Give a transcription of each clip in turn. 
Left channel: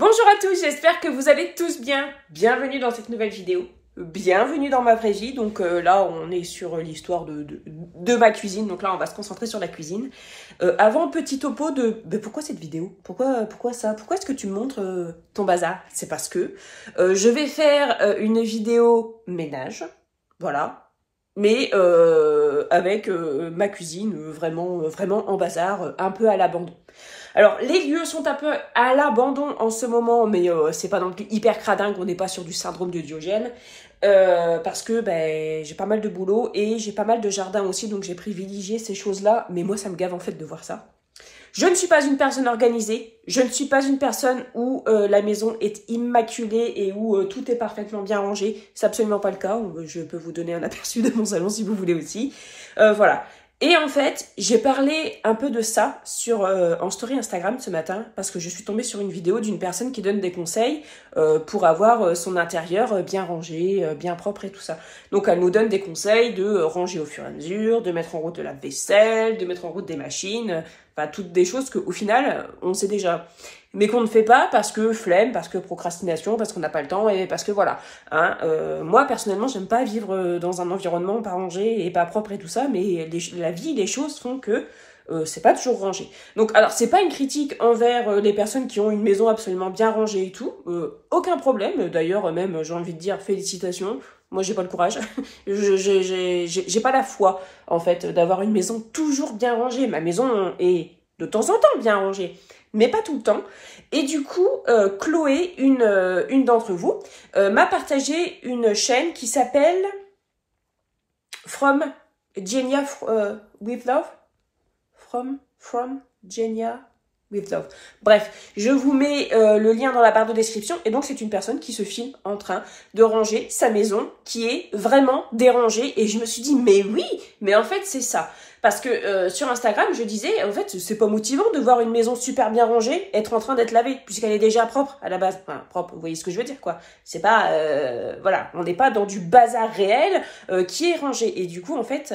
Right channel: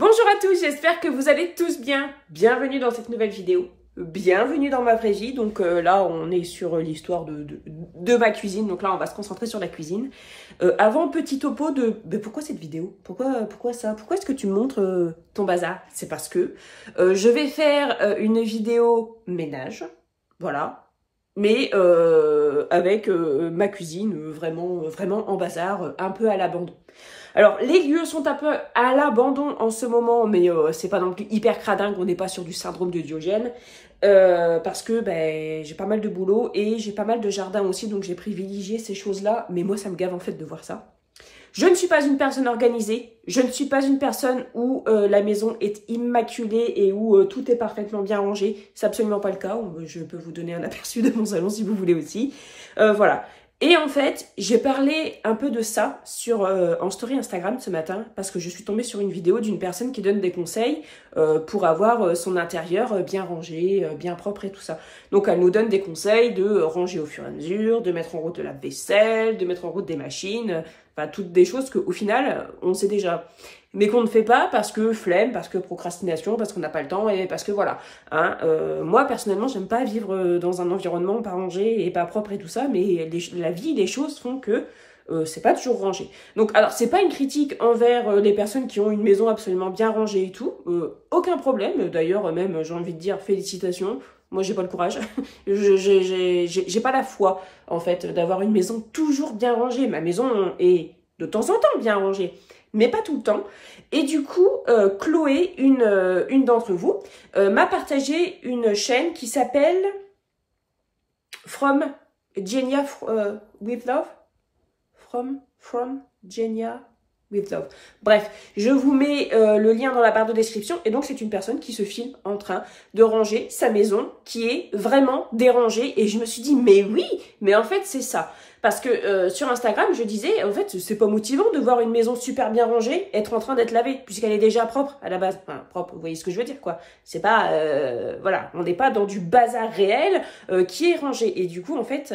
Bonjour à tous, j'espère que vous allez tous bien. Bienvenue dans cette nouvelle vidéo. Bienvenue dans ma vraie vie. Donc là, on est sur l'histoire de ma cuisine. Donc là, on va se concentrer sur la cuisine. Avant, petit topo de pourquoi cette vidéo? Pourquoi ça? Pourquoi est-ce que tu me montres ton bazar? C'est parce que je vais faire une vidéo ménage. Voilà. Mais avec ma cuisine vraiment en bazar, un peu à l'abandon. Alors, les lieux sont un peu à l'abandon en ce moment, mais c'est pas non plus hyper cradingue, on n'est pas sur du syndrome de Diogène, parce que j'ai pas mal de boulot et j'ai pas mal de jardin aussi, donc j'ai privilégié ces choses-là, mais moi, ça me gave en fait de voir ça. Je ne suis pas une personne organisée, je ne suis pas une personne où la maison est immaculée et où tout est parfaitement bien rangé, c'est absolument pas le cas, je peux vous donner un aperçu de mon salon si vous voulez aussi, voilà. Et en fait, j'ai parlé un peu de ça en story Instagram ce matin parce que je suis tombée sur une vidéo d'une personne qui donne des conseils pour avoir son intérieur bien rangé, bien propre et tout ça. Donc elle nous donne des conseils de ranger au fur et à mesure, de mettre en route de la vaisselle, de mettre en route des machines, enfin toutes des choses qu'au final on sait déjà. Mais qu'on ne fait pas parce que flemme, parce que procrastination, parce qu'on n'a pas le temps et parce que voilà. Hein, moi, personnellement, j'aime pas vivre dans un environnement pas rangé et pas propre et tout ça, mais la vie, les choses font que c'est pas toujours rangé. Donc, alors, c'est pas une critique envers les personnes qui ont une maison absolument bien rangée et tout. Aucun problème. D'ailleurs, même, j'ai envie de dire félicitations. Moi, j'ai pas le courage. J'ai pas la foi, en fait, d'avoir une maison toujours bien rangée. Ma maison est de temps en temps bien rangée, mais pas tout le temps. Et du coup, Chloé, une d'entre vous, m'a partagé une chaîne qui s'appelle From Genia with Love. From Genia with Love. Bref, je vous mets le lien dans la barre de description. Et donc, c'est une personne qui se filme en train de ranger sa maison qui est vraiment dérangée. Et je me suis dit, mais oui, mais en fait, c'est ça. Parce que sur Instagram, je disais, en fait, c'est pas motivant de voir une maison super bien rangée être en train d'être lavée, puisqu'elle est déjà propre à la base. Enfin, propre, vous voyez ce que je veux dire, quoi. C'est pas, voilà, on n'est pas dans du bazar réel qui est rangé. Et du coup, en fait,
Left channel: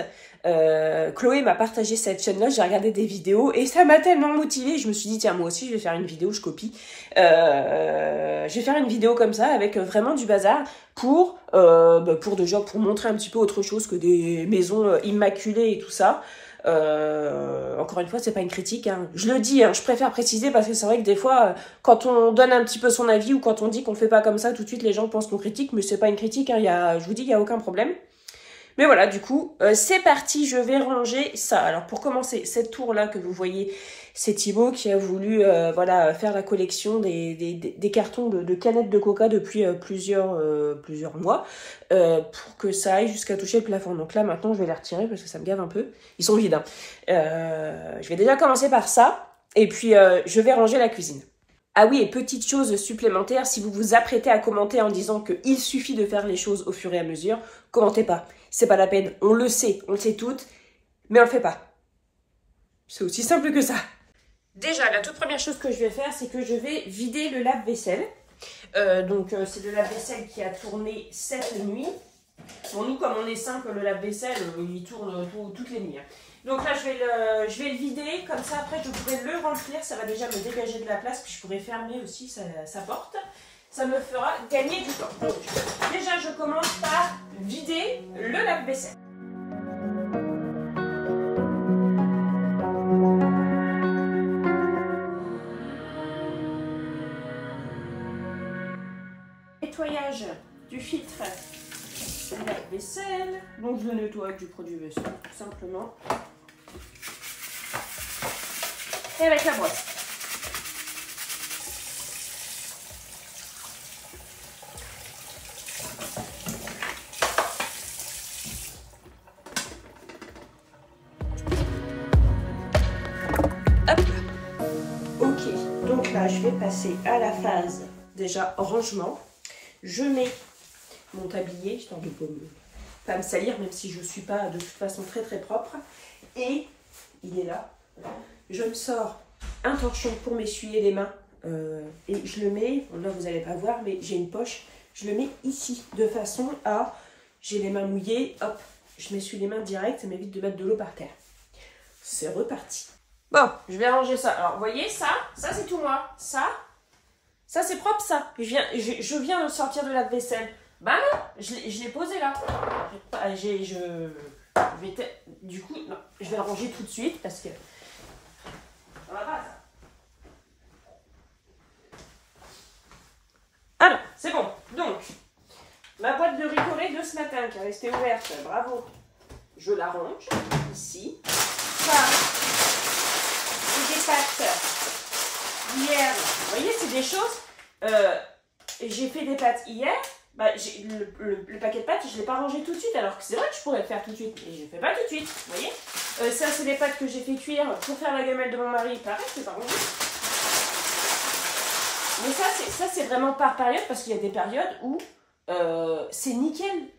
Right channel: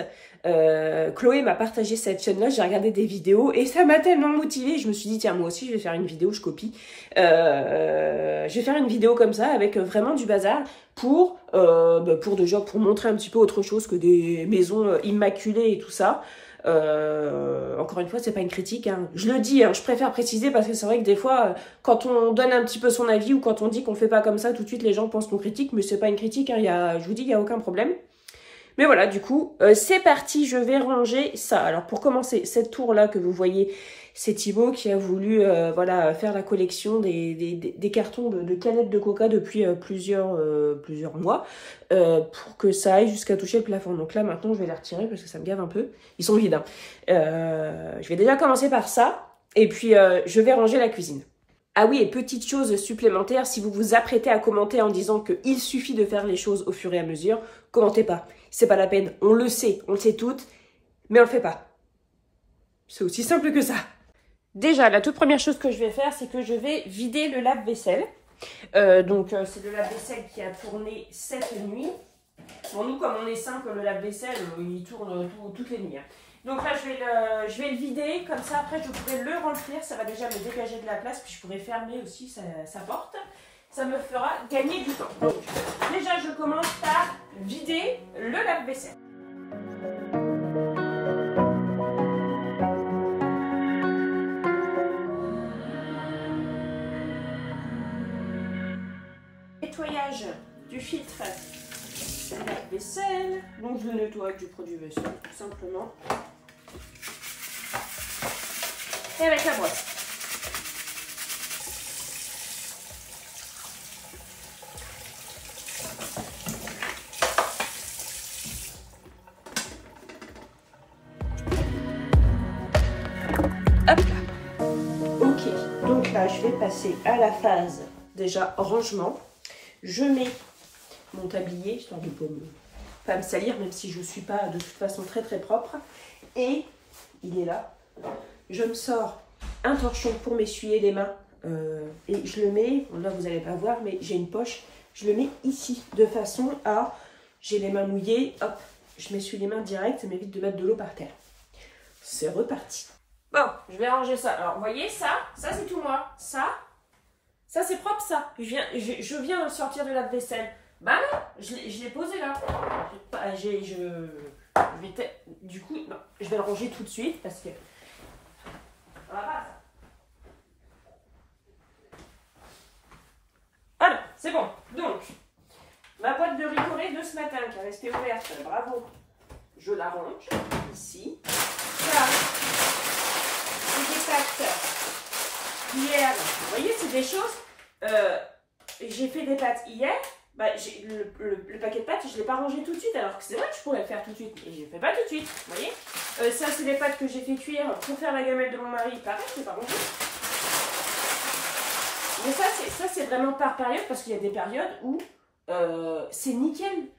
Chloé m'a partagé cette chaîne-là, j'ai regardé des vidéos et ça m'a tellement motivée. Je me suis dit, tiens, moi aussi, je vais faire une vidéo, je copie. Je vais faire une vidéo comme ça avec vraiment du bazar pour montrer un petit peu autre chose que des maisons immaculées et tout ça. Encore une fois, c'est pas une critique, hein. Je le dis, hein, je préfère préciser parce que c'est vrai que des fois, quand on donne un petit peu son avis ou quand on dit qu'on fait pas comme ça, tout de suite les gens pensent qu'on critique, mais c'est pas une critique, hein, je vous dis, il y a aucun problème. Mais voilà, du coup, c'est parti, je vais ranger ça. Alors, pour commencer, cette tour-là que vous voyez, c'est Thibaut qui a voulu voilà, faire la collection des cartons de canettes de coca depuis plusieurs mois pour que ça aille jusqu'à toucher le plafond. Donc là, maintenant, je vais les retirer parce que ça me gave un peu. Ils sont vides, hein. Je vais déjà commencer par ça et puis je vais ranger la cuisine. Ah oui, et petite chose supplémentaire, si vous vous apprêtez à commenter en disant qu'il suffit de faire les choses au fur et à mesure, commentez pas. C'est pas la peine, on le sait toutes, mais on le fait pas. C'est aussi simple que ça. Déjà, la toute première chose que je vais faire, c'est que je vais vider le lave-vaisselle. C'est le lave-vaisselle qui a tourné cette nuit. Bon, nous, comme on est simple, le lave-vaisselle, il tourne toutes les nuits. Donc là, je vais le vider, comme ça, après, je pourrai le remplir. Ça va déjà me dégager de la place, puis je pourrai fermer aussi sa porte. Ça me fera gagner du temps. Donc, déjà, je commence par vider le lave-vaisselle. Nettoyage du filtre de lave-vaisselle. Donc, je le nettoie avec du produit vaisselle, tout simplement. Et avec la brosse. Hop là. Ok, donc là, je vais passer à la phase déjà rangement. Je mets mon tablier, histoire de ne pas me salir, même si je ne suis pas de toute façon très propre. Et il est là. Je me sors un torchon pour m'essuyer les mains. Et je le mets, bon là vous n'allez pas voir, mais j'ai une poche. Je le mets ici, de façon à... J'ai les mains mouillées, hop, je m'essuie les mains direct, ça m'évite de mettre de l'eau par terre. C'est reparti. Bon, je vais ranger ça. Alors, vous voyez, ça c'est tout moi. Ça Ça, c'est propre, ça. Je viens de le sortir de la vaisselle. Bah non, je l'ai posé là. Du coup, non, je vais le ranger tout de suite parce que... On va pas ça. Alors, c'est bon. Donc, ma boîte de Ricoré de ce matin qui est restée ouverte, bravo. Je la range ici. Ça, c'est des pâtes hier. Vous voyez, c'est des choses. J'ai fait des pâtes hier. Bah, le paquet de pâtes, je ne l'ai pas rangé tout de suite. Alors que c'est vrai que je pourrais le faire tout de suite. Mais je ne le fais pas tout de suite. Vous voyez, ça, c'est des pâtes que j'ai fait cuire pour faire la gamelle de mon mari. Pareil, c'est pas rangé. Mais ça, c'est vraiment par période. Parce qu'il y a des périodes où c'est nickel.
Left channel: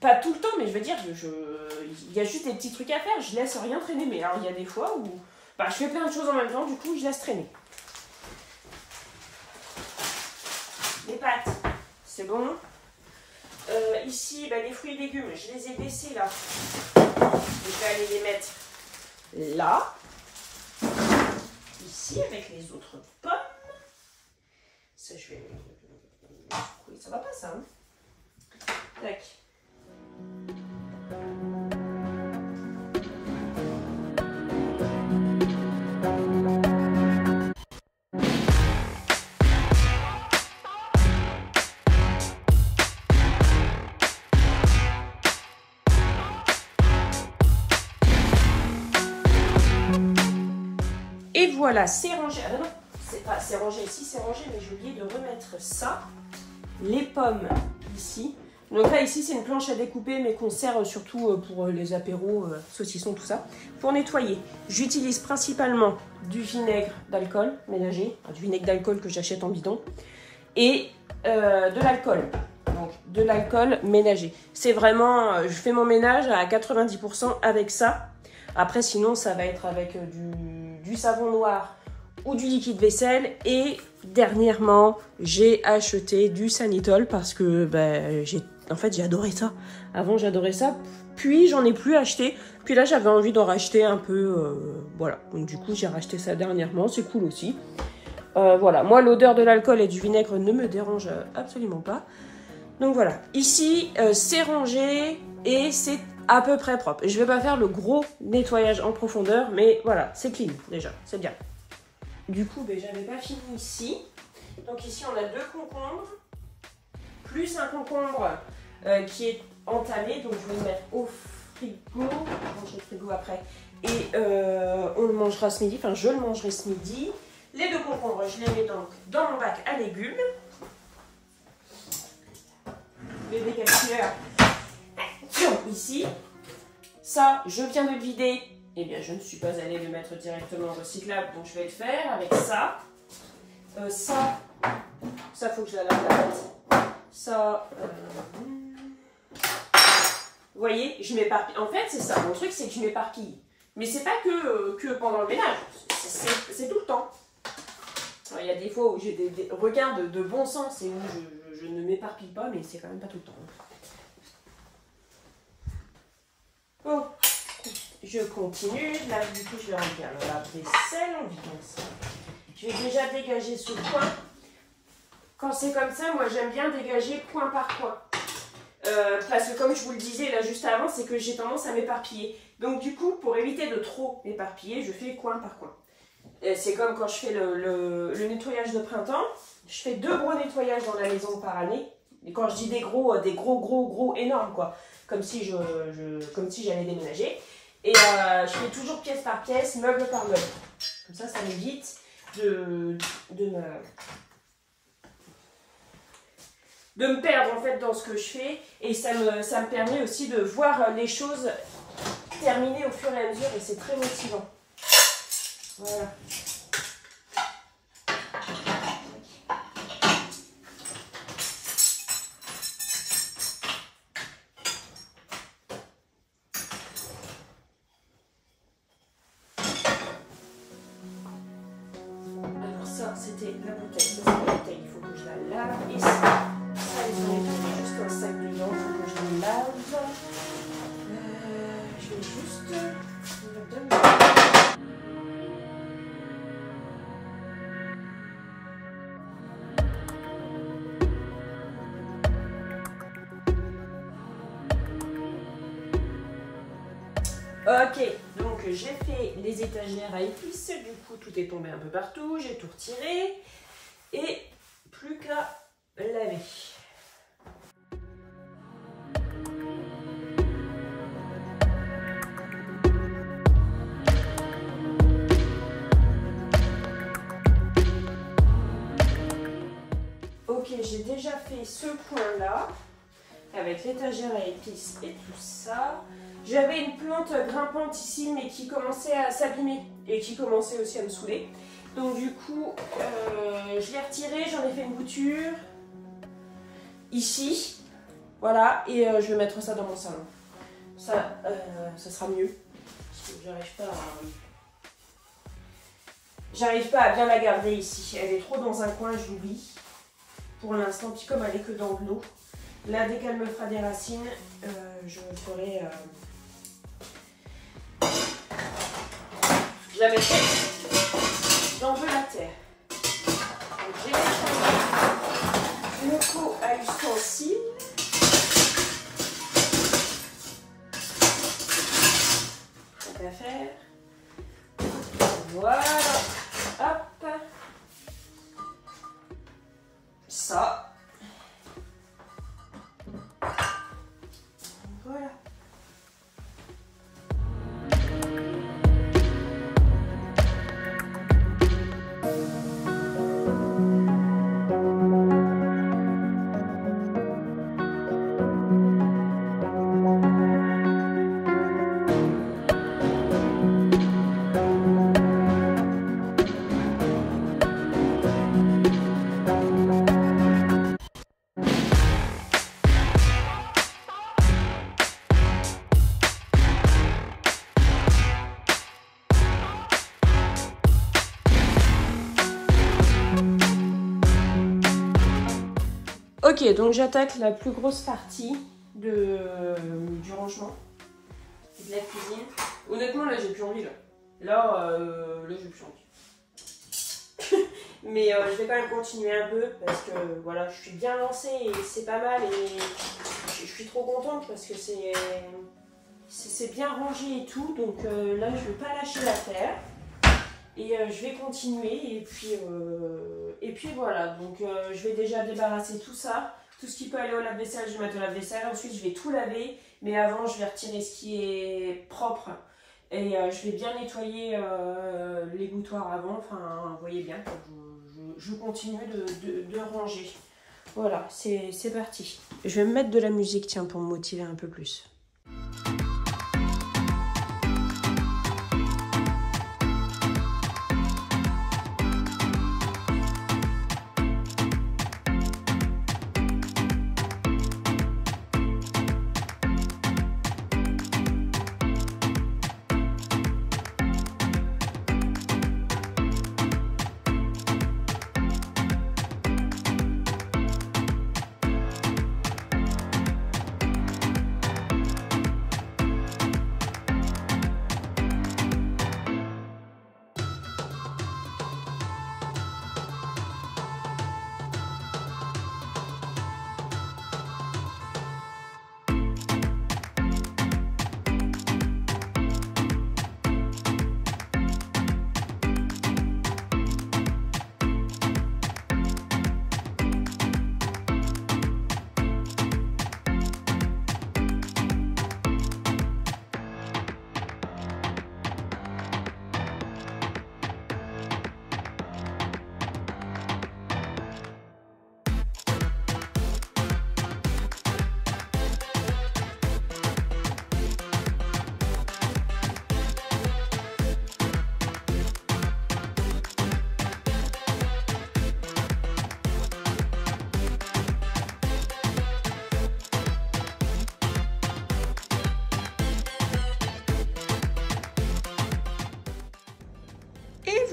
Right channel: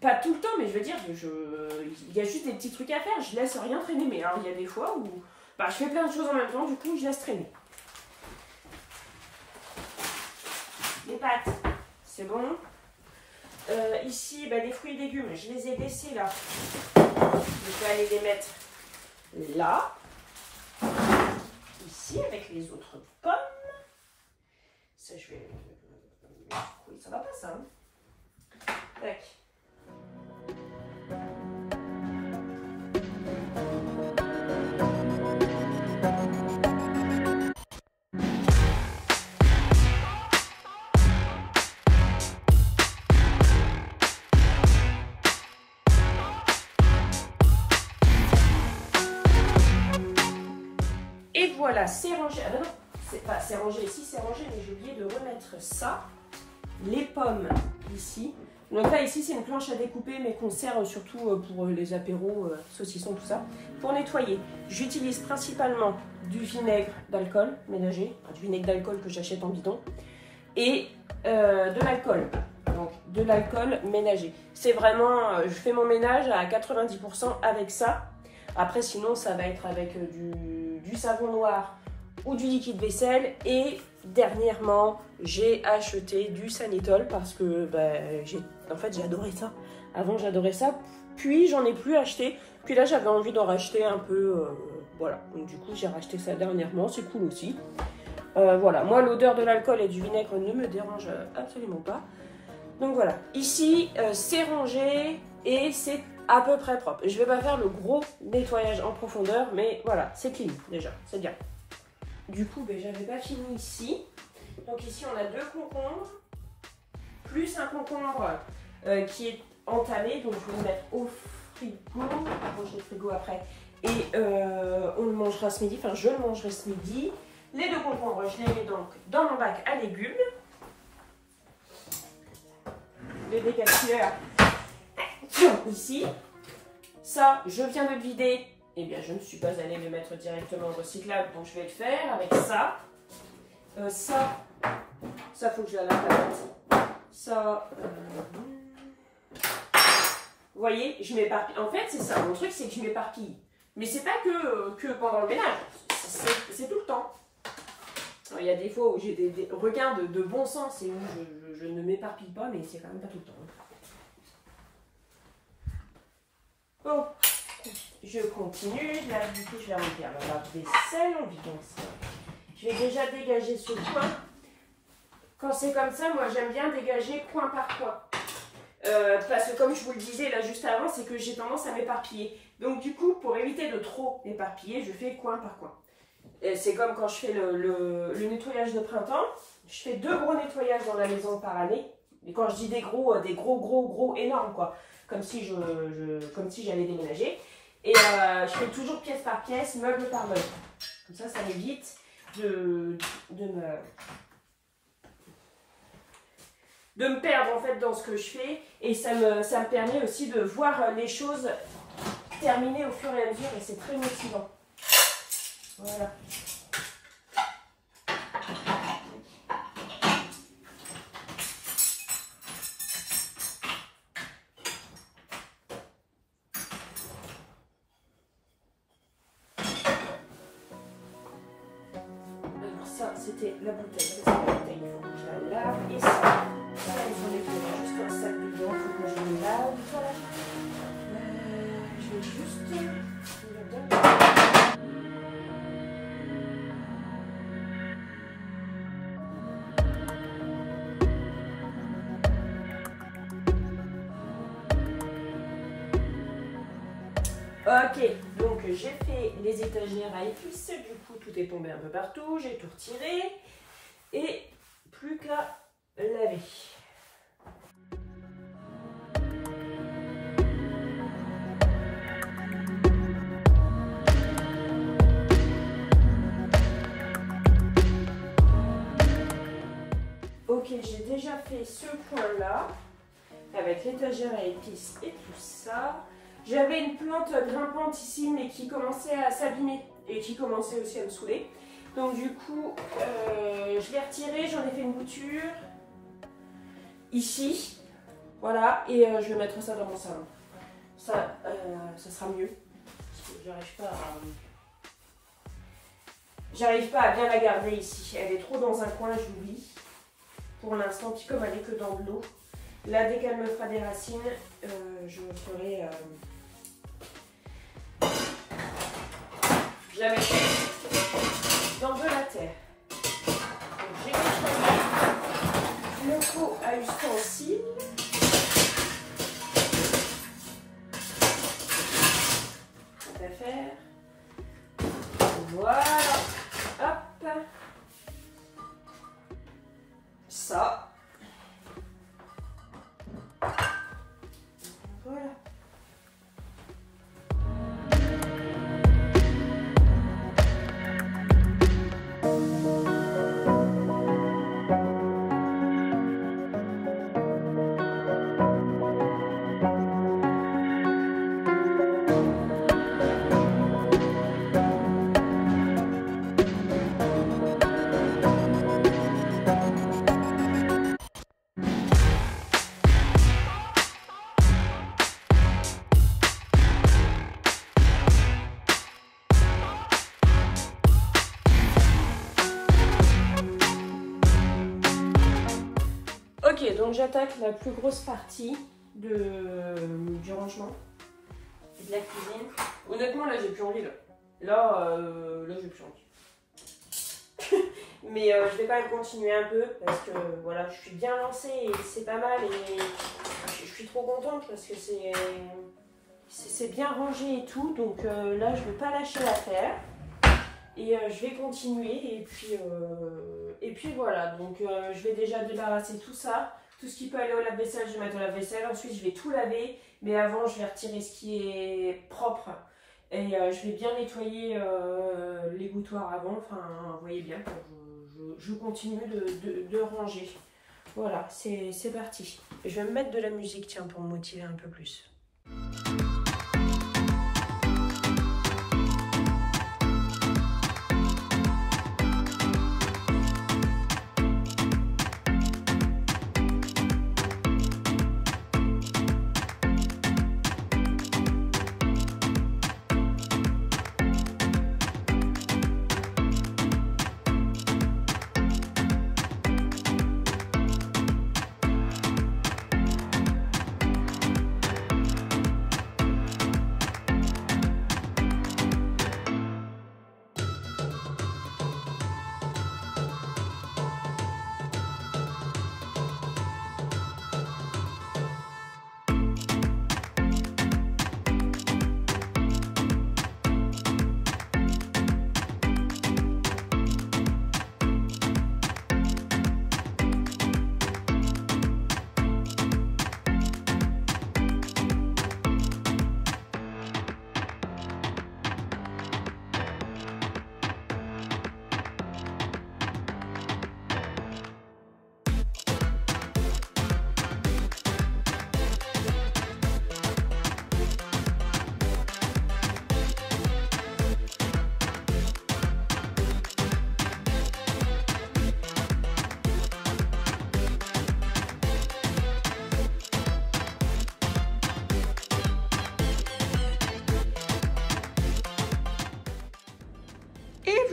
Pas tout le temps, mais je veux dire, il y a juste des petits trucs à faire. Je laisse rien traîner. Mais alors, il y a des fois où bah, je fais plein de choses en même temps. Du coup, je laisse traîner. Les pâtes, c'est bon. Ici, bah, les fruits et légumes, je les ai baissés là. Je vais aller les mettre là. Ici, avec les autres pommes. Ça, je vais... Oui, ça va pas, ça. Hein. Tac. Et voilà, c'est rangé. Ah non, c'est rangé ici, c'est rangé, mais j'ai oublié de remettre ça. Les pommes ici. Donc là, ici, c'est une planche à découper, mais qu'on sert surtout pour les apéros, saucissons, tout ça. Pour nettoyer, j'utilise principalement du vinaigre d'alcool ménager, du vinaigre d'alcool que j'achète en bidon, et de l'alcool. Donc, de l'alcool ménager. C'est vraiment, je fais mon ménage à 90% avec ça. Après, sinon, ça va être avec du savon noir ou du liquide vaisselle. Et dernièrement, j'ai acheté du Sanitol parce que en fait, j'ai adoré ça. Avant, j'adorais ça. Puis, j'en ai plus acheté. Puis là, j'avais envie d'en racheter un peu. Voilà. Donc, du coup, j'ai racheté ça dernièrement. C'est cool aussi. Voilà. Moi, l'odeur de l'alcool et du vinaigre ne me dérange absolument pas. Donc, voilà. Ici, c'est rangé et c'est à peu près propre. Je vais pas faire le gros nettoyage en profondeur, mais voilà, c'est clean déjà, c'est bien. Du coup, j'avais pas fini ici. Donc ici, on a 2 concombres, plus un concombre qui est entamé. Donc je vais le mettre au frigo. Je vais ranger le frigo après. Et on le mangera ce midi, enfin je le mangerai ce midi. Les 2 concombres, je les mets donc dans mon bac à légumes. Le décapsuleur ici. Ça, je viens de le vider. Eh bien, je ne suis pas allée le mettre directement recyclable, donc je vais le faire avec ça. Ça, faut que je la lave la tête. Ça, vous voyez, je m'éparpille. En fait, c'est ça. Mon truc, c'est que je m'éparpille. Mais c'est pas que pendant le ménage. C'est tout le temps. Alors, il y a des fois où j'ai des regards de bon sens et où je ne m'éparpille pas, mais c'est quand même pas tout le temps. Oh, je continue. Là, du coup, je vais remplir le lave-vaisselle en vidant ça. Je vais déjà dégager ce coin. Quand c'est comme ça, moi, j'aime bien dégager coin par coin. Parce que comme je vous le disais là juste avant, c'est que j'ai tendance à m'éparpiller. Donc du coup, pour éviter de trop m'éparpiller, je fais coin par coin. C'est comme quand je fais le nettoyage de printemps. Je fais 2 gros nettoyages dans la maison par année. Et quand je dis des gros énormes quoi. Comme si j'allais déménager. Et je fais toujours pièce par pièce, meuble par meuble. Comme ça m'évite de me perdre en fait dans ce que je fais. Et ça me permet aussi de voir les choses terminer au fur et à mesure. Et c'est très motivant. Voilà. Ça, c'était la bouteille. Ça, c'est la bouteille. Il faut que je la lave. Et ça, ils sont les juste un sac dedans. Il faut que je les lave. Je vais juste... Ok, donc j'ai fait les étagères à épices, du coup tout est tombé un peu partout, j'ai tout retiré et plus qu'à laver. Ok, j'ai déjà fait ce point-là, avec l'étagère à épices et tout ça. J'avais une plante grimpante ici, mais qui commençait à s'abîmer et qui commençait aussi à me saouler. Donc du coup, je l'ai retirée, j'en ai fait une bouture ici. Voilà, et je vais mettre ça dans mon salon. Ça sera mieux. J'arrive pas à bien la garder ici. Elle est trop dans un coin, je l'oublie. Pour l'instant, puis comme elle est que dans de l'eau. Là, dès qu'elle me fera des racines, je ferai... je la mettrai dans de la terre. Donc, j'ai une coupe à ustensiles. Ça va faire. Voilà. Hop. Ça. Voilà. Ok, donc j'attaque la plus grosse partie du rangement de la cuisine. Honnêtement, là, j'ai plus envie. Là, j'ai plus envie. Mais je vais quand même continuer un peu parce que voilà, je suis bien lancée et c'est pas mal. Et je suis trop contente parce que c'est bien rangé et tout. Donc là, je vais pas lâcher l'affaire. Et je vais continuer et puis voilà, donc je vais déjà débarrasser tout ça, tout ce qui peut aller au lave-vaisselle, je vais mettre au lave-vaisselle, ensuite je vais tout laver, mais avant je vais retirer ce qui est propre et je vais bien nettoyer les boutoirs avant, enfin vous voyez bien, je continue de ranger. Voilà, c'est parti. Je vais me mettre de la musique, tiens, pour me motiver un peu plus.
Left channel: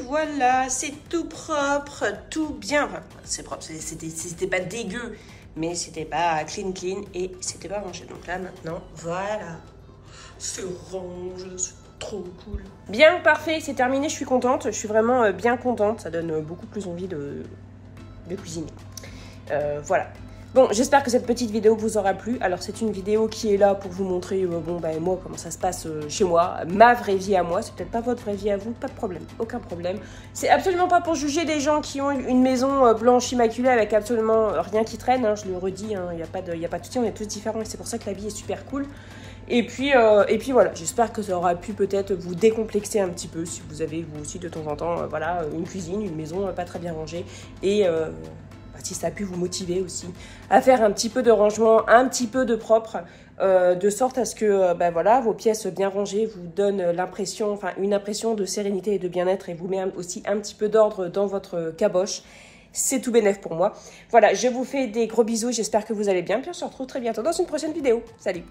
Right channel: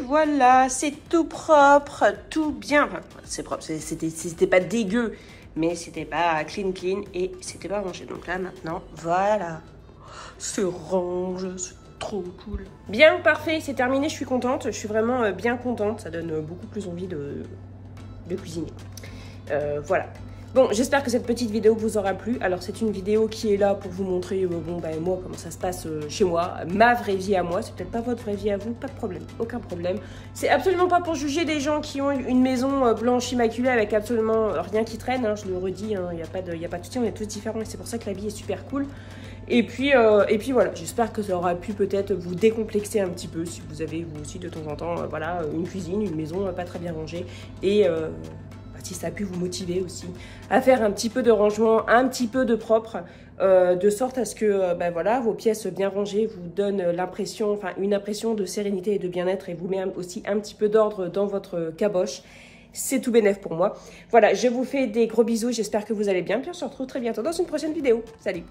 Voilà, c'est tout propre, tout bien. Enfin, c'est propre, c'était pas dégueu, mais c'était pas clean et c'était pas rangé. Donc là, maintenant, voilà, c'est range, c'est trop cool. Bien, parfait, c'est terminé, je suis contente. Je suis vraiment bien contente. Ça donne beaucoup plus envie de cuisiner. Voilà. Bon, j'espère que cette petite vidéo vous aura plu. Alors, c'est une vidéo qui est là pour vous montrer, moi, comment ça se passe chez moi, ma vraie vie à moi. C'est peut-être pas votre vraie vie à vous, pas de problème, aucun problème. C'est absolument pas pour juger des gens qui ont une maison blanche immaculée avec absolument rien qui traîne, hein, je le redis, il n'y a pas de souci, on est tous différents et c'est pour ça que la vie est super cool. Et puis voilà, j'espère que ça aura pu peut-être vous décomplexer un petit peu si vous avez vous aussi de temps en temps, voilà, une cuisine, une maison pas très bien rangée et si ça a pu vous motiver aussi à faire un petit peu de rangement, un petit peu de propre, de sorte à ce que voilà, vos pièces bien rangées vous donnent l'impression, enfin une impression de sérénité et de bien-être et vous met aussi un petit peu d'ordre dans votre caboche. C'est tout bénef pour moi. Voilà, je vous fais des gros bisous, j'espère que vous allez bien. Puis on se retrouve très bientôt dans une prochaine vidéo. Salut!